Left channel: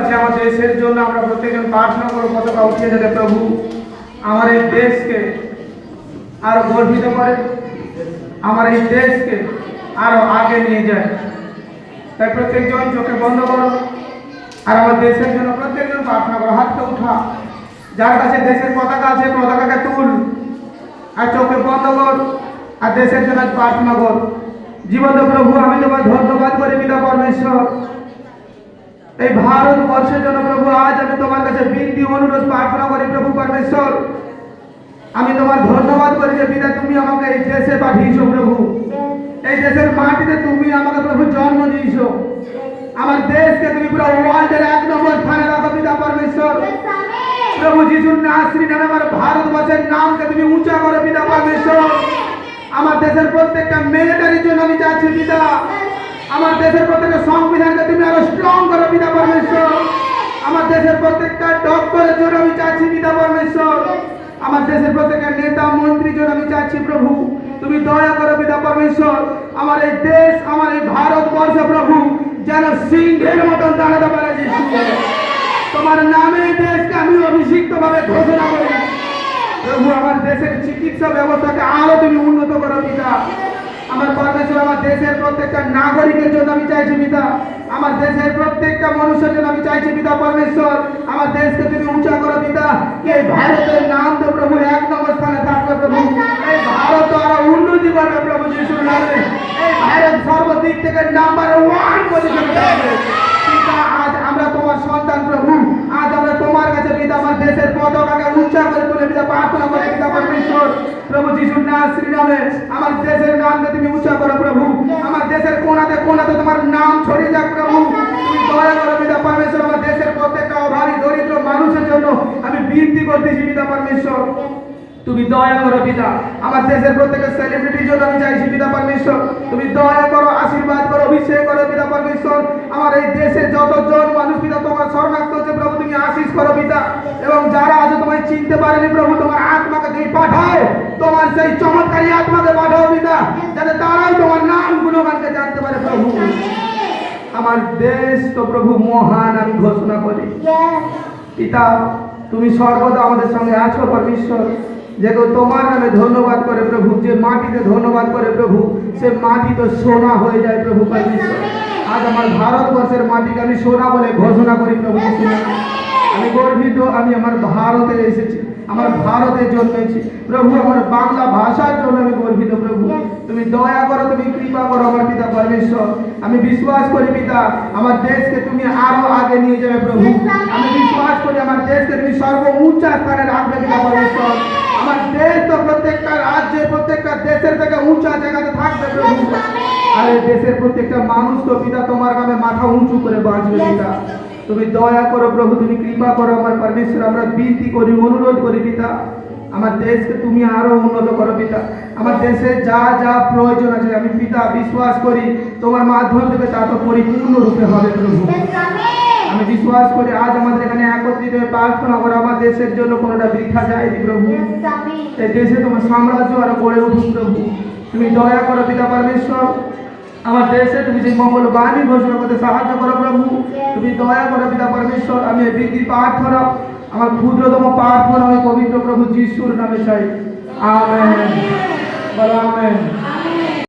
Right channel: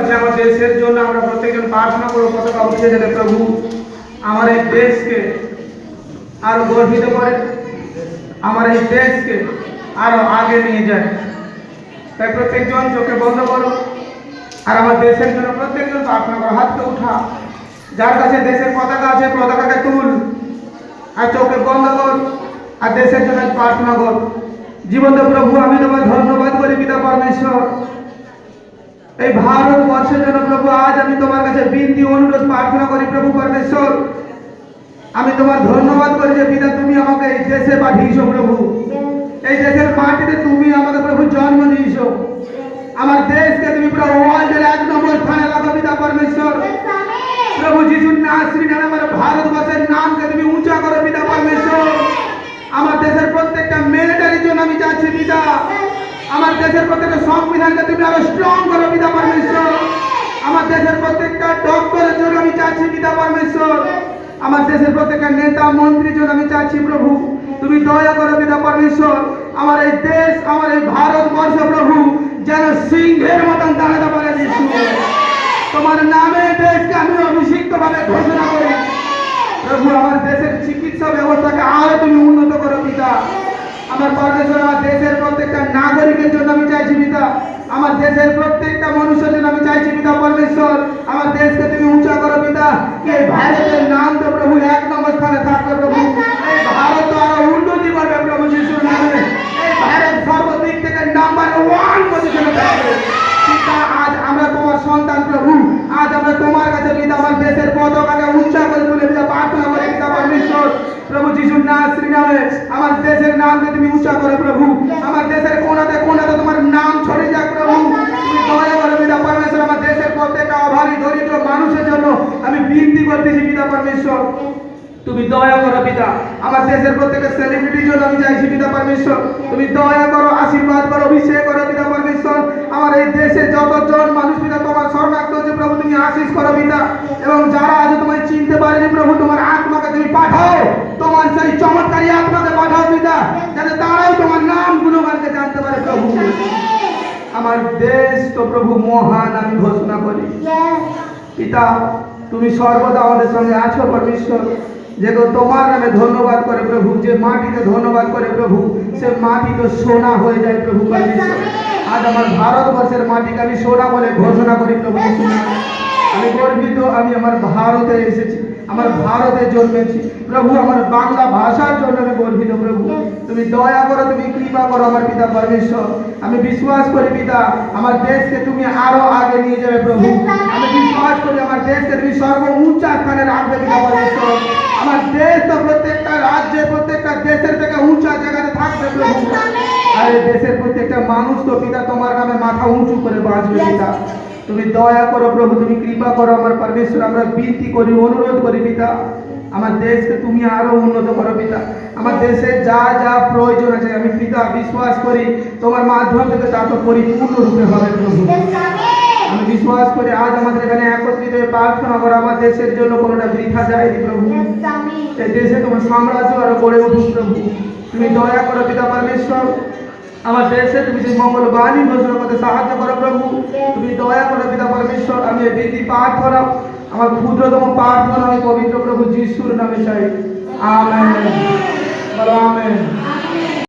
আছে আমার দেশের জন্য, আমরা প্রত্যেকজন প্রার্থনা করব পতাকা উঠিয়ে যেতে প্রভু। আমার এই দেশকে আরও গর্বিত করে, আমার এই দেশকে আরও আগে নিয়ে যায়। তাই প্রত্যেকজন চোখে বন্ধ করো, আর আমার দেশের জন্য প্রত্যেকজন প্রার্থনা করো হাতকে উঠা। যার কাছে দেশের পতাকা আছে, পতাকাকে তুল, আর চোখে বন্ধ কর, আর দেশের জন্য প্রার্থনা কর। জীবন্ত প্রভু, আমি তোমার ধন্যবাদ করি, পিতা পরমেশ্বর। এই ভারতবর্ষের জন্য প্রভু, আজ আমি তোমার কাছে বিনতি অনুরোধ প্রার্থনা করি, প্রভু পরমেশ্বর। আমি তোমার ধন্যবাদ করি যে পিতা, তুমি আমাকে এই দেশে পাঠিয়েছো প্রভু। এই দেশের মাটিতে তুমি আমাকে, প্রভু, জন্ম দিয়েছ। আমার দেশকে তুমি পুরো ওয়ার্ল্ডের এক নম্বর স্থানে রাখো, পিতা পরমেশ্বর। প্রভু যিশুর নাশ্রী নামে আমার ভারতবর্ষের নামকে তুমি উঁচা করো, পিতা পরমেশ্বর। আমার দেশের প্রত্যেকটা মিলিটারির জন্য আমি চাচ্ছি পিতা। আমার দেশের প্রত্যেকটা সংবিধানকে তুমি আরও স্ট্রং করো পিতা পরমেশ্বর আমার দেশের প্রত্যেকটা ডক্টরের জন্য আমি চাচ্ছি পিতা পরমেশ্বর। আমার দেশের প্রত্যেকটা নেতা মন্ত্রীর জন্য আমি চাচ্ছি প্রভু। তুমি দয়া করো পিতা পরমেশ্বর। আমার এই দেশ, আমার এই ভারতবর্ষ প্রভু, যেন সিংহের মতন দাঁড়াতে পারে তোমার নামে দেশকে আমি অভিষিক্ত ভাবে ঘোষণা করি। প্রভু, আমার দেশের চিকিৎসা ব্যবস্থাকে আরও তুমি উন্নত করো পিতা। আমার পরমেশ্বর, আমার দেশের প্রত্যেকটা নাগরিকের জন্য আমি চাইছি পিতা। দেশের প্রত্যেকটা মানুষের জন্য আমি চাইছি, পিতা পরমেশ্বর, আমার দেশকে তুমি উঁচা করো, পিতা। এই ভারতের নাম তো প্রভু এক নম্বর স্থানে থাকবে প্রভু। এই ভারত আরও উন্নতি করবে প্রভু যিশুর নামে। এই ভারত সর্বদিক থেকে নাম্বার ওয়ান পজিশনে থাকবে পিতা, আজ আমরা তোমার সন্তান, প্রভু। আজ আমরা তোমার কাছে, পিতা, আমার দেশের পতাকাকে উচ্চা করে তুলে পিতা প্রার্থনা করে, পিতা পরমেশ্বর। প্রভু যিশুর নাম শ্রী নামে আমার দেশের নামকে তুমি উচ্চা করো, প্রভু। আমার দেশের কোনাতে কোনাতে তোমার নাম ছড়িয়ে যাক প্রভু তুমি দয়া করো পিতা পরমেশ্বর আমার দেশের প্রত্যেকটা অভাবী দরিদ্র মানুষের জন্য আমি বিনতি করতেছি পিতা পরমেশ্বর তুমি দয়া করো পিতা। আমার দেশের প্রত্যেকের সেলিব্রিটির জন্য আমি চাইছি পিতা পরমেশ্বর তুমি দয়া করো আশীর্বাদ করো অভিষেক করো পিতা পরমেশ্বর। আমার এই দেশে যতজন মানুষ পিতা তোমার শরণার্থ হচ্ছে প্রভু তুমি আশিস করো পিতা। এবং যারা আজ তোমায় চিনতে পারেনি প্রভু তোমার আত্মাকে তুমি পাঠাও। তোমার সেই চমৎকারী আত্মাকে পাঠাও পিতা যাতে তারাও তোমার নাম গুণগানকে জানতে পারে প্রভু। আমার দেশ তো প্রভু মহান আমি ঘোষণা করি। পিতা তুমি সর্বদা আমাদের সঙ্গে আছো পরমেশ্বর যে তোমার নামে ধন্যবাদ করে প্রভু যে মাটিতে ধন্যবাদ করে প্রভু সে মাটি তো সোনা হয়ে যায় প্রভু পরমেশ্বর আজ আমার ভারতবর্ষের মাটিকে আমি সোনা বলে ঘোষণা করি প্রভু। আমি গর্বিত আমি আমার ভারতে এসেছি আমার ভারতে জন্মেছি। প্রভু আমার বাংলা ভাষার জন্য আমি গর্বিত প্রভু। তুমি দয়া করো তুমি কৃপা করো আমার পিতা পরমেশ্বর। আমি বিশ্বাস করি পিতা আমার দেশকে তুমি আরও আগে নিয়ে যাবে প্রভু। আমি বিশ্বাস করি আমার দেশকে তুমি সর্ব উঁচা স্থানে রাখবে পিতা পরমেশ্বর আমার দেশ তো প্রত্যেকটা রাজ্যে প্রত্যেকটা দেশের থেকে উঁচা জায়গাতে থাকবে প্রভু। আর এই দেশের প্রত্যেকটা মানুষ তো পিতা তোমার নামে মাথা উঁচু করে বাঁচবে পিতা। তুমি দয়া করো প্রভু তুমি কৃপা করো আমার পরমেশ্বর আমরা বিনতি করি অনুরোধ করি পিতা। আমার দেশকে তুমি আরও উন্নত করো পিতা। আমার দেশে যা যা প্রয়োজন আছে আমি পিতা বিশ্বাস করি তোমার মাধ্যম থেকে তা তো পরিপূর্ণ রূপে হবে প্রভু। আমি বিশ্বাস করি আজ আমাদের এখানে একত্রিত হয়ে প্রার্থনা করা আমার দেশের জন্য কোনোটা বৃথা যায়নি প্রভু। এই দেশে তোমার সাম্রাজ্য আরও গড়ে উঠুক প্রভু। তুমি দয়া করো পিতা পরমেশ্বর আমার দেশে তুমি সেই মঙ্গল বাণী ঘোষণা করতে সাহায্য করো প্রভু। তুমি দয়া করো পিতা পরমেশ্বর আমি এই বিধি পাঠ করা আমার ক্ষুদ্রতম প্রার্থনা আমি পবিত্র প্রভু যিশুর নামে চাই। আমেন। আমেন।